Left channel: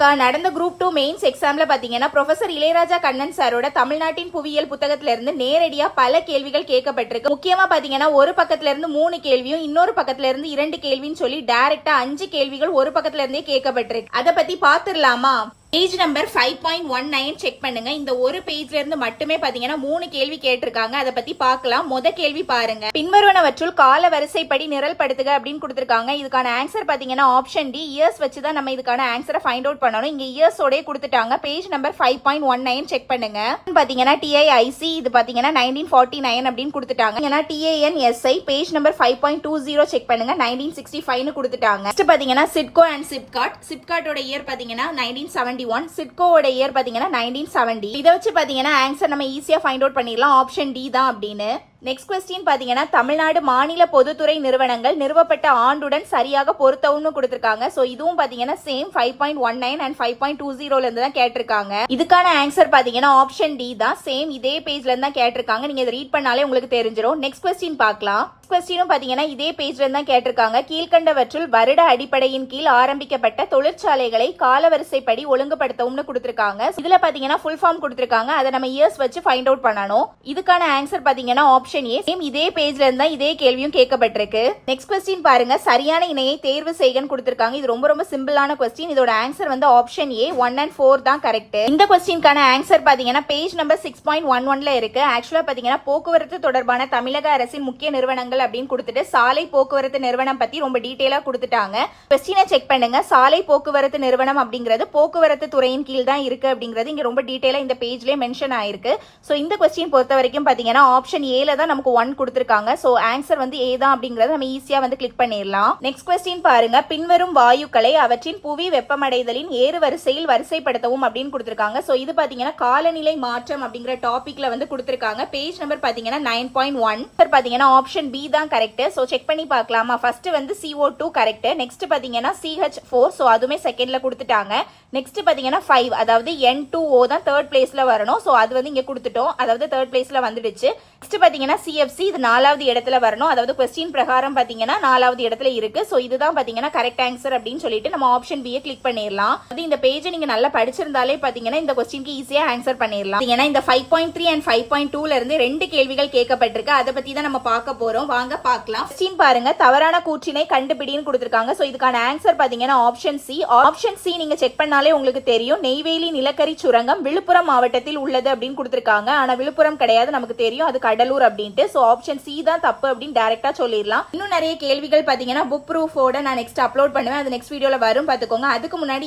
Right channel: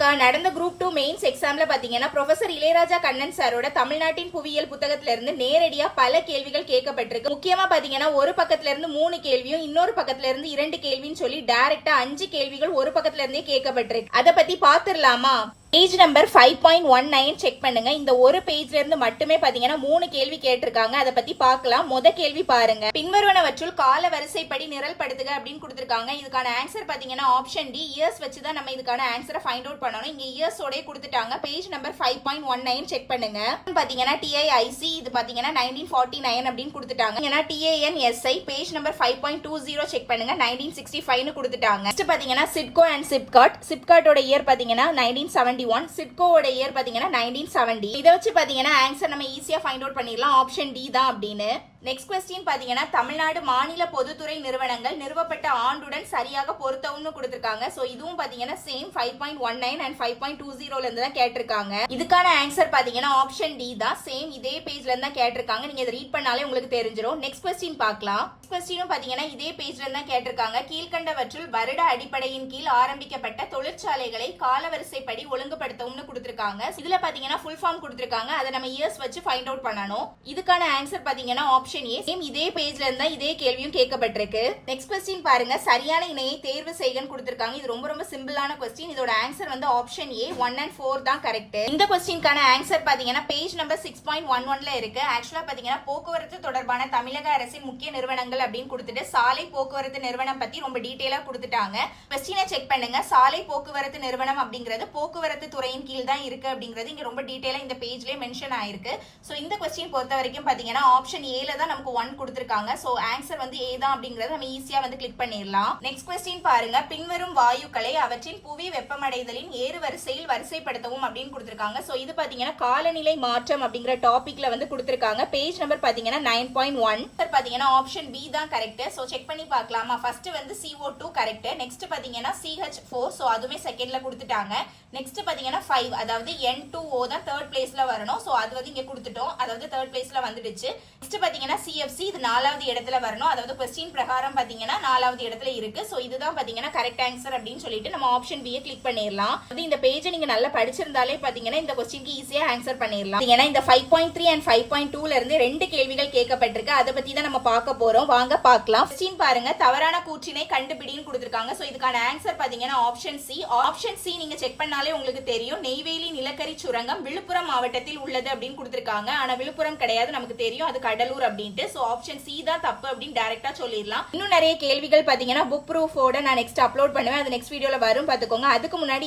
அக்கா நடந்த group 2 mains எக்ஸாம்ல பாத்தீங்கன்னா ப்ரொஃபசர் இளையராஜா கண்ணன் சாரோட தமிழ்நாட்டின் புவியியல் புத்தகத்துல இருந்து நேரடியா பல கேள்விகள் கேட்கப்பட்டிருக்கு. முக்கியமா பாத்தீங்கன்னா ஒரு பக்கத்துல இருந்து 3 கேள்வியும் இன்னொரு பக்கத்துல இருந்து 2 கேள்வின்னு சொல்லி டைரக்டா 5 கேள்விகள் ஒரு பக்கத்துல இருந்தே கேட்கப்பட்டிருக்கு. அதை பத்தி பாத்துடலாமா? பேஜ் நம்பர் 5.19 செக் பண்ணுங்க. இந்த ஒரு பேஜ்ல இருந்து மட்டுமே பாத்தீங்கன்னா 3 கேள்வி கேட்டிருக்காங்க. அதை பத்தி பார்க்கலாம். முத கேள்வி பாருங்க. பின்வருவனவற்றுள் கால வரிசைப்படி நிரல்படுத்துக அப்படின்னு கொடுத்திருக்காங்க. இதுக்கான ஆன்சர் பாத்தீங்கன்னா ஆப்ஷன் டி. இயர்ஸ் வச்சுதான் நம்ம இதுக்கான ஆன்சரை ஃபைண்ட் அவுட் பண்ணணும். இங்க இயர்ஸோட கொடுத்துட்டாங்க. பேஜ் நம்பர் 5.19 செக் பண்ணுங்க. பாத்தீங்கன்னா TIIC இது பாத்தீங்கன்னா 1949 அப்படின்னு கொடுத்துட்டாங்க. TANSI பேஜ் நம்பர் 5.20 செக் பண்ணுங்க. 1965 கொடுத்துட்டாங்க. நெக்ஸ்ட் பாத்தீங்கன்னா சிட்கோ அண்ட் சிப்காட். சிப்காட்டோட இயர் பாத்தீங்கன்னா 1970. சிட்கோவோட இயர் பாத்தீங்கன்னா 1970. இதை வச்சு பாத்தீங்கன்னா ஆன்சர் நம்ம ஈஸியா ஃபைண்ட் அவுட் பண்ணிடலாம். ஆப்ஷன் டி தான் அப்படின்னு. நெக்ஸ்ட் கொஸ்டின் பாத்தீங்கன்னா தமிழ்நாடு மாநில பொதுத்துறை நிறுவனங்கள் நிறுவப்பட்ட ஆண்டுடன் சரியாக பொருத்தவும்னு கொடுத்திருக்காங்க. சோ இதுவும் பாத்தீங்கன்னா சேம் 5.19 அண்ட் 5.20 இருந்து தான் கேட்டிருக்காங்க. இதுக்கான ஆன்சர் பாத்தீங்கன்னா ஆப்ஷன் டி தான். சேம் இதே பேஜ்ல இருந்து தான் கேட்டிருக்காங்க. நீங்க இதை ரீட் பண்ணாலே உங்களுக்கு தெரிஞ்சிடும். நெக்ஸ்ட் கொஸ்டின் பார்க்கலாம். கொஸ்டினும் பாத்தீங்கன்னா இதே பேஜ்ல இருந்து தான் கேட்டிருக்காங்க. கீழ்கண்டவற்றுள் வருட அடிப்படையின் கீழ் ஆரம்பிக்கப்பட்ட தொழிற்சாலைகளை காலவரிசைப்படி ஒழுங்குபடுத்தவும்னு கொடுத்திருக்காங்க. இதுல பாத்தீங்கன்னா ஃபுல் ஃபார்ம் கொடுத்திருக்காங்க. அதை நம்ம இயர்ஸ் வச்சு ஃபைண்ட் அவுட் பண்ணணும். இதுக்கான ஆன்சர் பாத்தீங்கன்னா ஆப்ஷன் ஏ. சேம் இதே பேஜ்ல இருந்தா இதே கேள்வியும் கேட்கப்பட்டிருக்கு. நெக்ஸ்ட் கொஸ்டின் பாருங்க. சரியான இணையை தேர்வு செய்கன்னு கொடுத்திருக்காங்க. இது ரொம்ப ரொம்ப சிம்பிளான கொஸ்டின். இதோட ஆன்சர் வந்து ஆப்ஷன் ஏ 1 and 4 தான் கரெக்ட். இந்த கொஸ்டினுக்கான ஆன்சர் பாத்தீங்கன்னா பேஜ் நம்பர் 6.11ல இருக்கு. ஆக்சுவலா பாத்தீங்கன்னா போக்குவரத்து தொடர்பான தமிழக அரசின் முக்கிய நிறுவனங்கள் அப்படின்னு கொடுத்துட்டு சாலை போக்குவரத்து நிறுவனம் பத்தி ரொம்ப டீடைலா கொடுத்துட்டாங்க. கொஸ்டினை செக் பண்ணுங்க. சாலை போக்குவரத்து நிறுவனம் அப்படிங்கிறது போக்குவரத்து துறையின் கீழ் தான் இருக்கு அப்படிங்கிறது இங்க ரொம்ப டீடைலா இந்த பேஜ்லயே மென்ஷன் ஆயிருக்கு. சோ இந்த கொஸ்டின் பொறுத்த வரைக்கும் பாத்தீங்கன்னா ஆப்ஷன் ஏல தான் நமக்கு 1 கொடுத்திருக்காங்க. சோ ஆன்சர் வந்து ஏ தான் அப்படிங்கறத நம்ம ஈஸியா வந்து கிளிக் பண்ணிடலாம். நெக்ஸ்ட் கொஸ்டின் பாருங்க. பின்வரும் வாயுக்களை அவற்றின் புவி வெப்பமடைதலின் ஏறு வரிசையில் வரிசைப்படுத்தவும் அப்படின்னு கொடுத்திருக்காங்க. சோ இது பாத்தீங்கன்னா காலநிலை மாற்றம் அப்படிங்கிற டாபிக்ல வந்து கொடுத்திருக்காங்க. பேஜ் நம்பர் பாத்தீங்கன்னா 9.1 பாத்தீங்கன்னா ஆப்ஷன் பி தான் கரெக்ட். சோ செக் பண்ணி பார்க்கலாமா? ஃபர்ஸ்ட் வந்து CO2 கரெக்ட். நெக்ஸ்ட் பாத்தீங்கன்னா CH4 சோ அதுமே செகண்ட்ல கொடுத்துட்டாங்க. நெக்ஸ்ட் பாத்தீங்கன்னா 5 அதாவது N2O தான் தேர்ட் பிளேஸ்ல வரணும். சோ அது வந்து இங்க கொடுத்துட்டோம். அதாவது தேர்ட் பிளேஸ்ல வந்துடுச்சு. நெக்ஸ்ட் பாத்தீங்கன்னா CFC இது 4வது இடத்துல வரணும். அதாவது क्वेश्चन பிரகாரம் பாத்தீங்கன்னா 4வது இடத்துல இருக்கு. சோ இதுதான் பாத்தீங்கன்னா கரெக்ட் ஆன்சர் அப்படின்னு சொல்லிட்டு நம்ம ஆப்ஷன் B கிளிக் பண்ணிரலாம். அது இந்த பேஜ் நீங்க நல்லா படிச்சிருந்தாலே பாத்தீங்கன்னா இந்த क्वेश्चनக்கு ஈஸியா ஆன்சர் பண்ணிரலாம். ஏன்னா இந்த 5.3 and 5.2ல இருந்து 2 கேள்விகள் கேட்கப்பட்டிருக்கு. அத பத்தி தான் நம்ம பார்க்க போறோம். வாங்க பார்க்கலாம். क्वेश्चन பாருங்க. தவறான கூற்றினை கண்டுபிடின்னு கொடுத்திருக்காங்க. சோ இதுக்கான ஆன்சர் பாத்தீங்கன்னா ஆப்ஷன் சி. ஆப்ஷன் சி நீங்க செக் பண்ணாலே உங்களுக்கு தெரியும். நெய்வேலி நிலக்கரி சுரங்கம் விழுப்புரம் மாவட்டத்தில் உள்ளது அப்படின்னு கொடுத்திருக்காங்க. ஆனா விழுப்புரம் கிடையாது, நமக்கு தெரியும் அது கடலூர் அப்படின்ட்டு. சோ ஆப்ஷன் சி தான் தப்பு அப்படின்னு டைரக்டா சொல்லிடலாம். இன்னும் நிறைய கேள்விகள் பாத்தீங்கன்னா புக் ப்ரூஃபோட நான் நெக்ஸ்ட் அப்லோட் பண்ணுவேன். அது நெக்ஸ்ட் வீடியோல வரும் பாத்துக்கோங்க.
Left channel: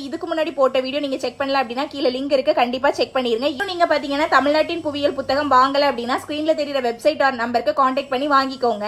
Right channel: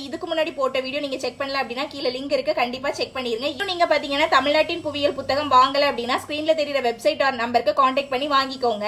இதுக்கு முன்னாடி போட்ட வீடியோ நீங்க செக் பண்ணல அப்படின்னா கீழே லிங்க் இருக்கு, கண்டிப்பா செக் பண்ணிருங்க. இன்னும் நீங்க பாத்தீங்கன்னா தமிழ்நாட்டின் புவியியல் புத்தகம் வாங்கல அப்படின்னா ஸ்கிரீன்ல தெரியுற வெப்சைட் ஆர் நம்பருக்கு கான்டாக்ட் பண்ணி வாங்கிக்கோங்க.